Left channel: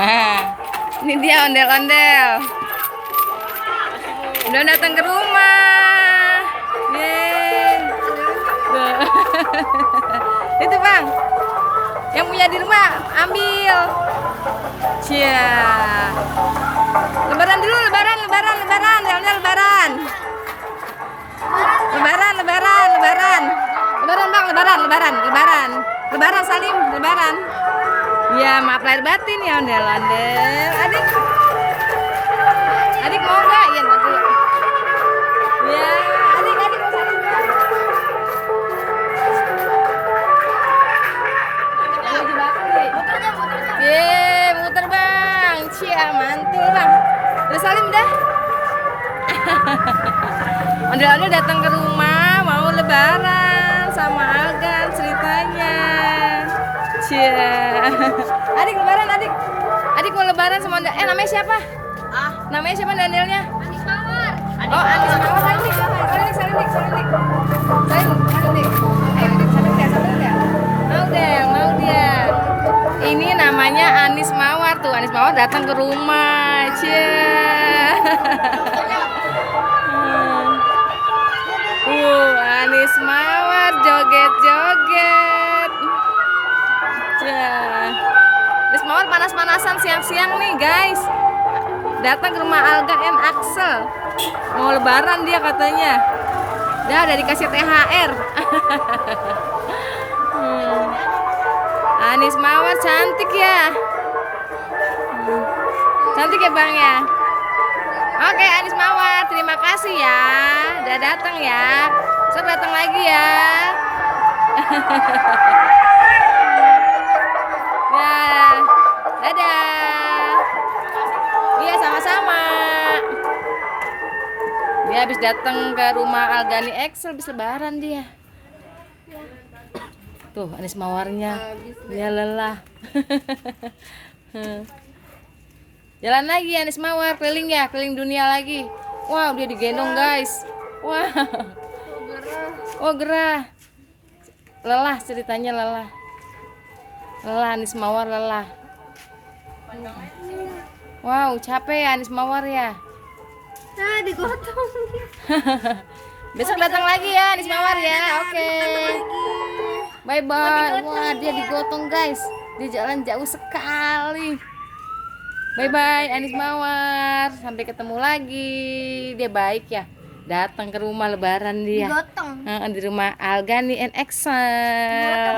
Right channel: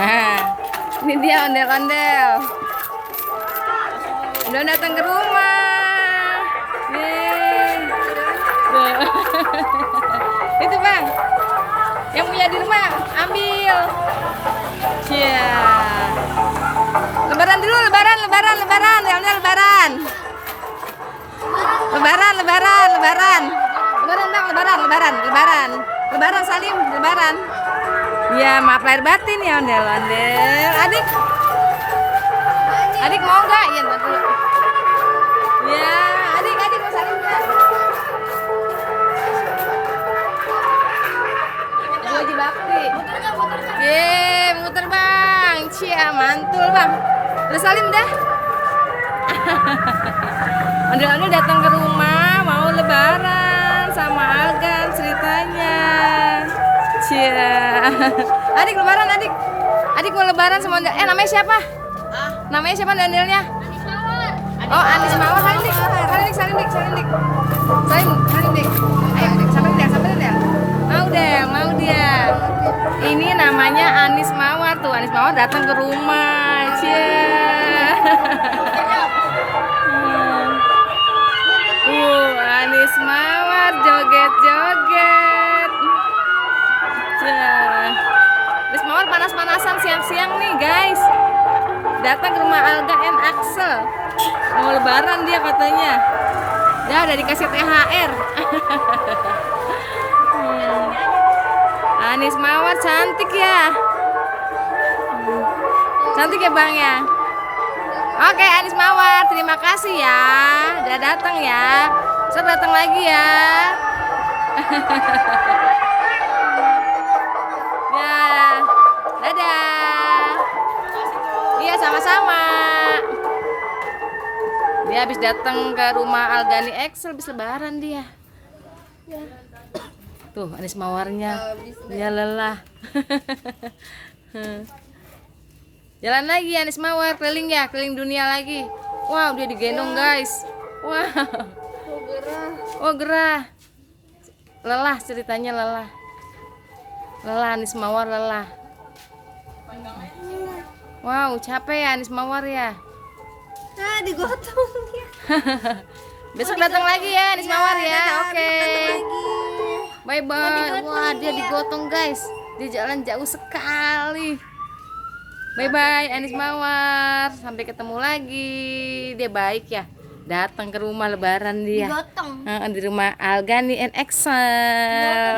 Nah, ini dia ondel-ondel. Udah datang ke rumah. Yeay. Tuh. Itu Bang. Yang punya di rumah ambil. Cia. Lebaran dulu, lebaran. Ondel-ondel lebaran. Lebaran Bang, lebaran Salim, lebaran. Ya, maaf lahir batin ya ondel-ondel. Adik mau nggak? Iya, ntar dulu. Ya, adik mau salim nggak? Lagi bakti. Muter Bang. Cia, mantul Bang. Udah salim dah. Ondel-ondel datang ke rumah mau lebaran sama Algan ceritanya. Cia. Adik lebaran adik. Adik mau lebaran sama ondel. Namanya siapa? Namanya siapa ondelnya? Anis Mawar. Oh, Anis Mawar. Salim dik. Ayo dik, sambil dia. Mau dia. Ini namanya Anis Mawar tuh. Anis Mawar datang ke rumah. Cia. Anis Mawar joget-joget. Anis Mawar panas-panasan siang-siang nih guys. Datang ke rumah Alga and Axel. Mau lebaran dia katanya. Udah dikasih THR. Anis Mawar cantik ya. Cantik ya Bang ya. Oke Anis Mawar, terima kasih ya. Udah datang ya. Saya datang lagi ya. Ya, dadah. Iya sama-sama. Dia habis datang ke rumah Algani Excel, habis lebaran dia. Tuh Anis Mawarnya, dia lelah. Jalan lagi Anis Mawar, keliling ya, keliling dunia lagi. Wow, dia digendong guys. Wow. Oh gerah. Lelah ceritanya lelah. Anis Mawar lelah. Wow, capek ya Anis Mawar ya. Digotong. Besok datang lagi ya Anis Mawar ya. Oke. Bye bye. Wah, dia digotong guys. Dia jalan jauh sekali. Bye bye Anis Mawar. Sampai ketemu lagi. Dia baik ya. Datang ke rumah lebaran dia. Digotong. Di rumah Algani and Excel.